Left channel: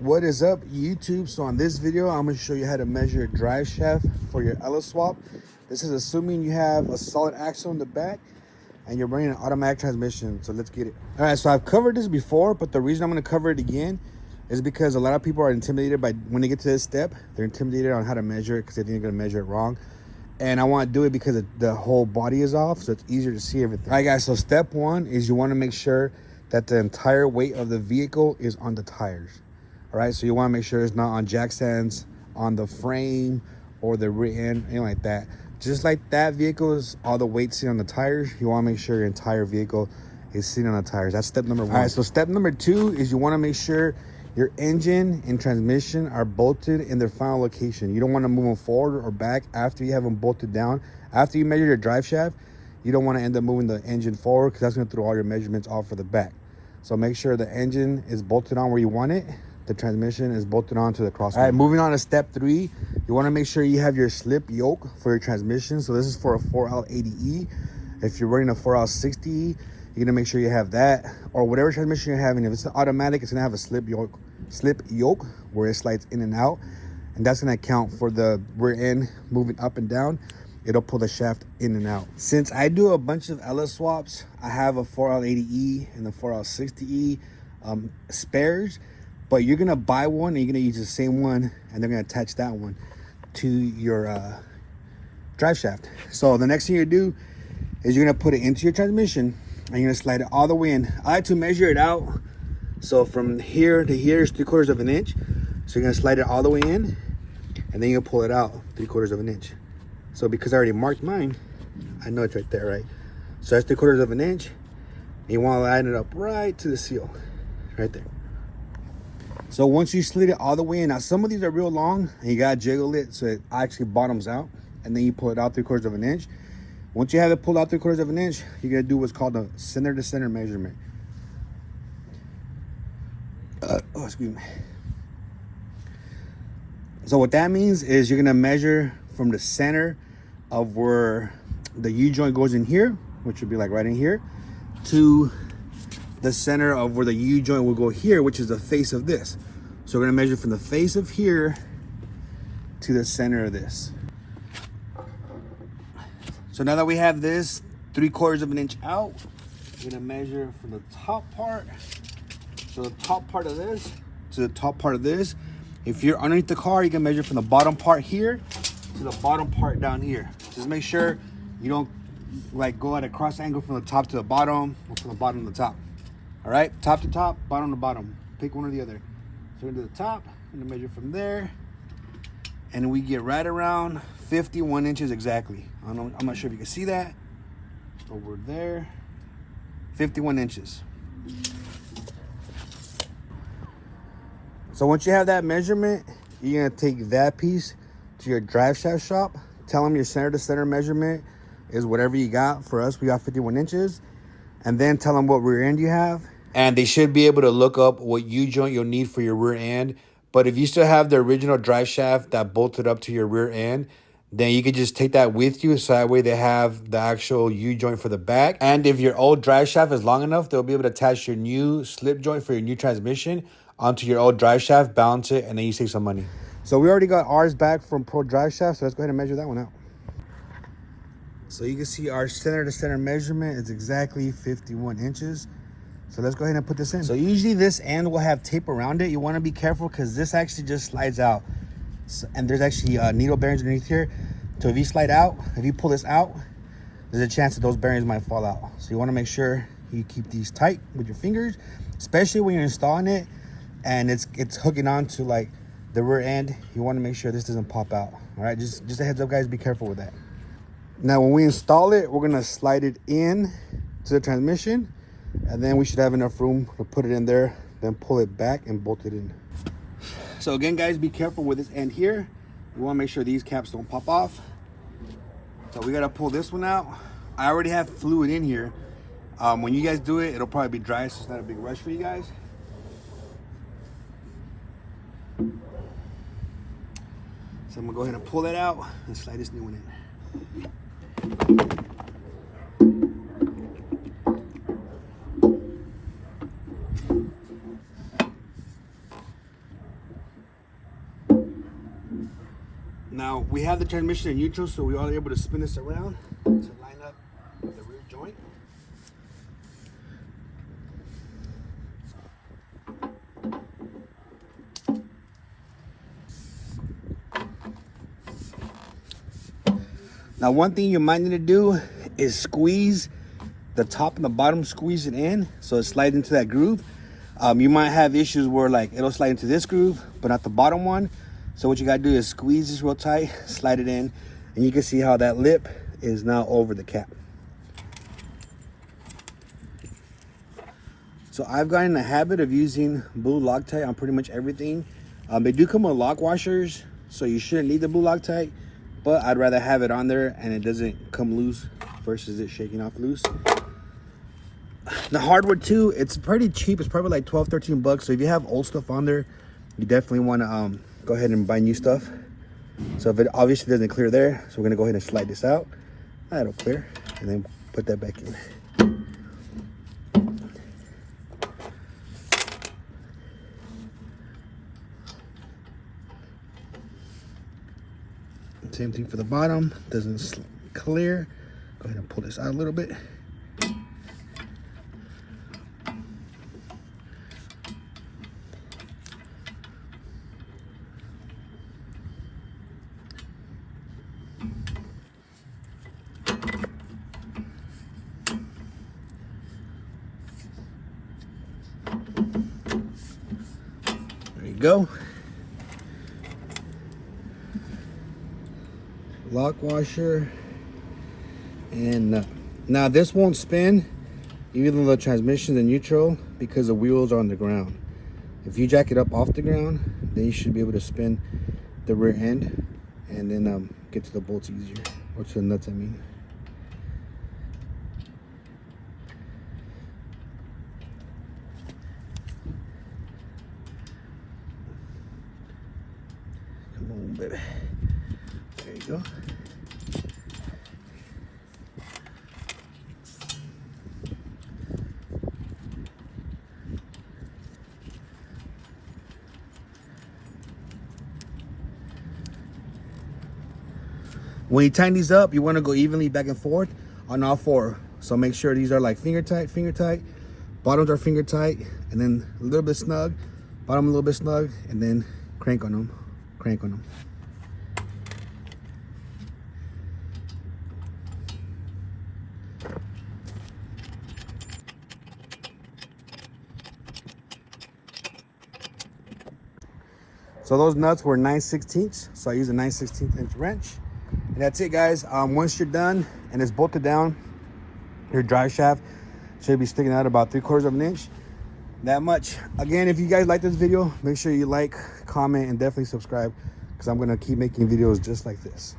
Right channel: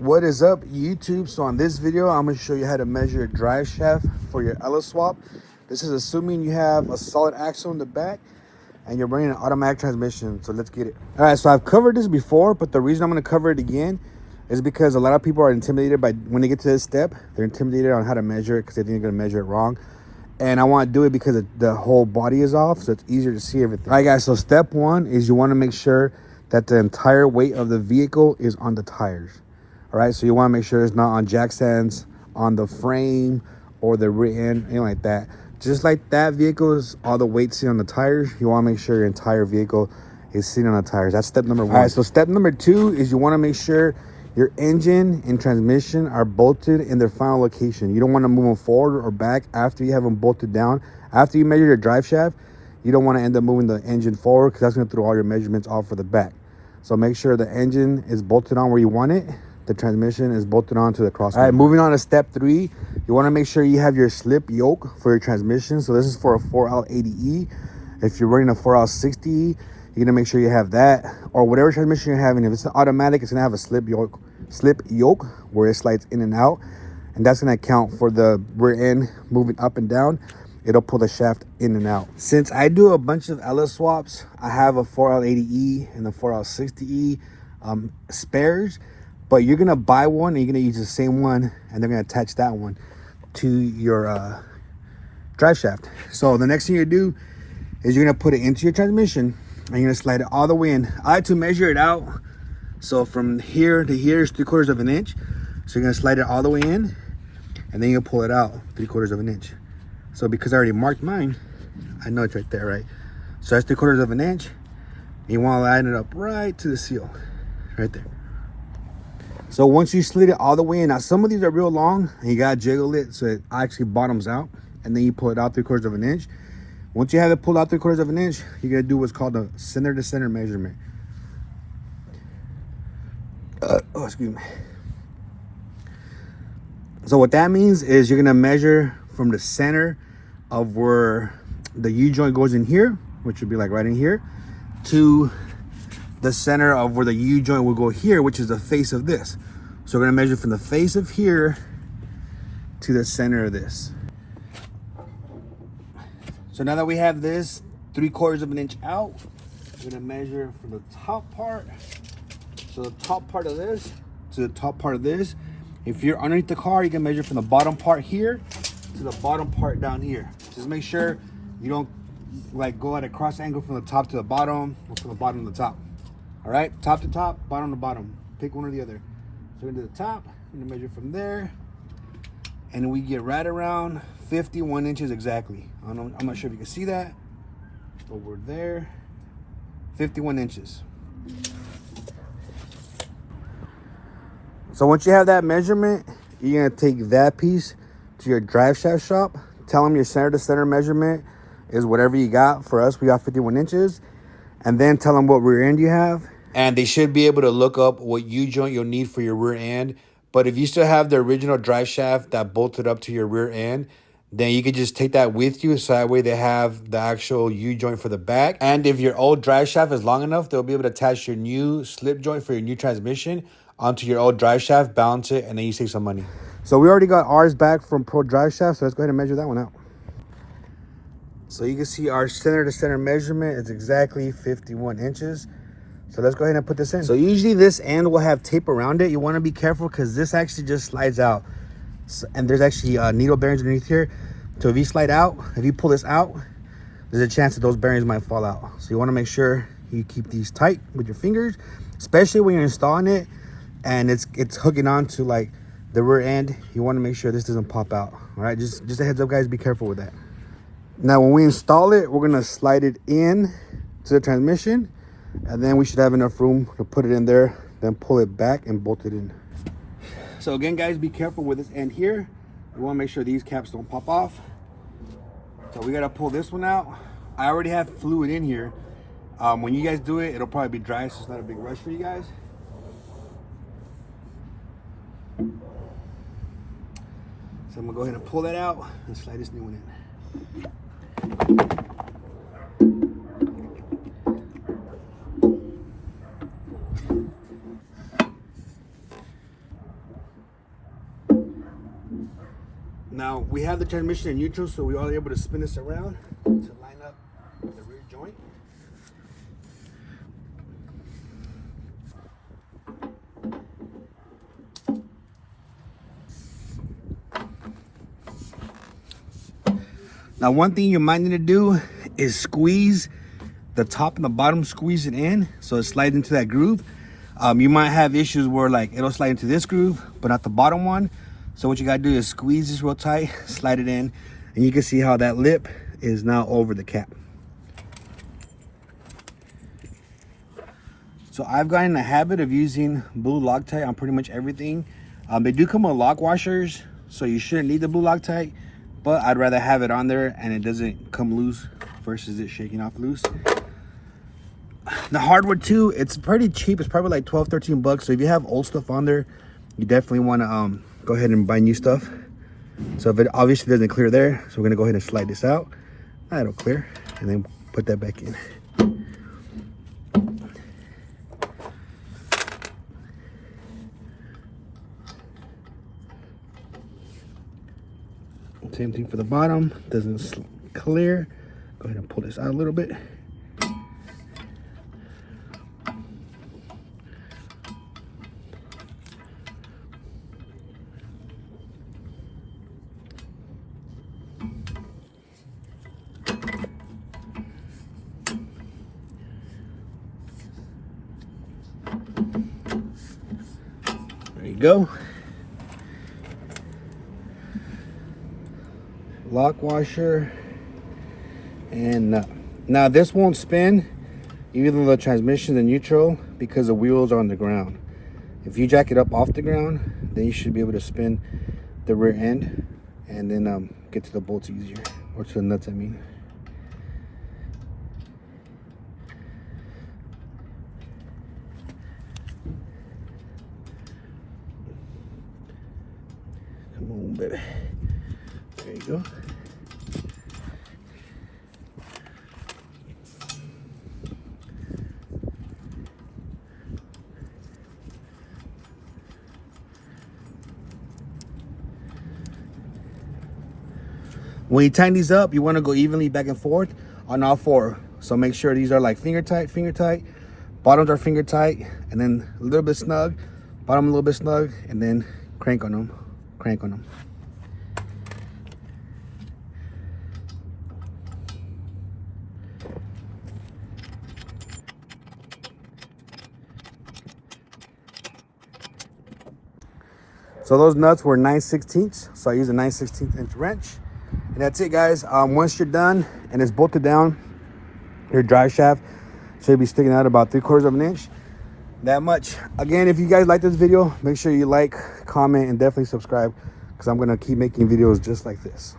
What is up, YouTube? So on this video, I'm going to show you how to measure a drive shaft for your Ella swap. This is assuming you have a solid axle in the back and you're running an automatic transmission. So let's get it. All right, so I've covered this before, but the reason I'm going to cover it again is because a lot of people are intimidated by when they get to this step. They're intimidated on how to measure it because they think they're going to measure it wrong. And I want to do it because the whole body is off, so it's easier to see everything. All right, guys, so step one is you want to make sure that the entire weight of the vehicle is on the tires. All right, so you want to make sure it's not on jack stands, on the frame, or the rear end, anything like that. Just like that vehicle is all the weight sitting on the tires, you want to make sure your entire vehicle is sitting on the tires. That's step number one. All right, so step number two is you want to make sure your engine and transmission are bolted in their final location. You don't want to move them forward or back after you have them bolted down. After you measure your drive shaft, you don't want to end up moving the engine forward because that's going to throw all your measurements off for the back. So make sure the engine is bolted on where you want it. The transmission is bolted onto the crossbar. All right, moving on to step three, you want to make sure you have your slip yoke for your transmission. So this is for a 4L80E. If you're running a 4L60E, you're gonna make sure you have that, or whatever transmission you're having. If it's an automatic, it's gonna have a slip yoke where it slides in and out, and that's gonna account for the rear end moving up and down. It'll pull the shaft in and out. Since I do a bunch of Ella swaps, I have a 4L80E and the 4L60E spares. But you're gonna buy one and you're gonna use the same one, and they're gonna attach that one to your drive shaft. So the next thing you do is you're gonna put it into your transmission and you're gonna slide it all the way in. I like to measure it out. So from here to here is 3/4 of an inch. So you're gonna slide it all the way in, and then you'll pull it out 3/4 of an inch. So because I already marked mine, I know it's right there, right? So that's 3/4 of an inch. And you wanna line it up right to the seal, right there. So once you slid it all the way in, now some of these are real long and you gotta jiggle it so it actually bottoms out, and then you pull it out 3/4 of an inch. Once you have it pulled out 3/4 of an inch, you're gonna do what's called a center to center measurement. Excuse me. So what that means is you're gonna measure from the center of where the U-joint goes in here, which would be like right in here, to the center of where the U-joint will go here, which is the face of this. So we're gonna measure from the face of here to the center of this. So now that we have this 3/4 of an inch out, we're gonna measure from the top part. So the top part of this to the top part of this. If you're underneath the car, you can measure from the bottom part here to the bottom part down here. Just make sure you don't like go at a cross angle from the top to the bottom or from the bottom to the top. All right, top to top, bottom to bottom. Pick one or the other. So we're gonna do the top, I'm gonna measure from there, and we get right around 51 inches exactly. I'm not sure if you can see that. Over there, 51 inches. So once you have that measurement, you're gonna take that piece to your drive shaft shop. Tell them your center to center measurement is whatever you got. For us, we got 51 inches. And then tell them what rear end you have. And they should be able to look up what U-joint you'll need for your rear end. But if you still have the original drive shaft that bolted up to your rear end, then you can just take that with you. So that way they have the actual U-joint for the back. And if your old drive shaft is long enough, they'll be able to attach your new slip joint for your new transmission onto your old drive shaft, balance it, and then you save some money. So we already got ours back from Pro Drive Shaft, so let's go ahead and measure that one out. So you can see our center to center measurement is exactly 51 inches. So let's go ahead and put this in. So usually this end will have tape around it. You want to be careful because this actually just slides out. So, and there's actually needle bearings underneath here. So if you slide out, if you pull this out, there's a chance that those bearings might fall out. So you want to make sure you keep these tight with your fingers, especially when you're installing it and it's hooking on to like the rear end. You want to make sure this doesn't pop out. All right, just a heads up, guys, be careful with that. Now, when we install it, we're gonna slide it in to the transmission, and then we should have enough room to put it in there, then pull it back and bolt it in. So again, guys, be careful with this end here. You wanna make sure these caps don't pop off. So we gotta pull this one out. I already have fluid in here. When you guys do it, it'll probably be dry, so it's not a big rush for you guys. So I'm gonna go ahead and pull that out and slide this new one in. Now we have the transmission in neutral, so we are able to spin this around to line up the rear joint. Now one thing you might need to do is squeeze the top and the bottom, squeeze it in so it slides into that groove. You might have issues where like it'll slide into this groove but not the bottom one. So what you gotta do is squeeze this real tight, slide it in, and you can see how that lip is now over the cap. So I've gotten in the habit of using blue Loctite on pretty much everything. They do come with lock washers, so you shouldn't need the blue Loctite, but I'd rather have it on there and it doesn't come loose versus it shaking off loose. The hardware too, it's pretty cheap. It's probably like 12-13 bucks. So if you have old stuff on there, you definitely want to go ahead and buy new stuff. So if it obviously doesn't clear there, so we're gonna go ahead and slide this out. That'll clear, and then put that back in. Same thing for the bottom, doesn't clear. Go ahead and pull this out a little bit. There you go. Lock washer and nut. Now this won't spin even though the transmission's in neutral because the wheels are on the ground. If you jack it up off the ground, then you should be able to spin the rear end and then get to the bolts easier, or to the nuts I mean. Come on, baby. There you go. When you tighten these up, you want to go evenly back and forth on all four. So make sure these are like finger tight, bottoms are finger tight, and then a little bit snug, bottom a little bit snug, and then crank on them, crank on them. So those nuts were 9/16, so I used a 9/16 inch wrench. And that's it, guys. Once you're done and it's bolted down, your drive shaft should be sticking out about 3/4 of an inch. That much. Again, if you guys like this video, make sure you like, comment, and definitely subscribe, because I'm gonna keep making videos just like this.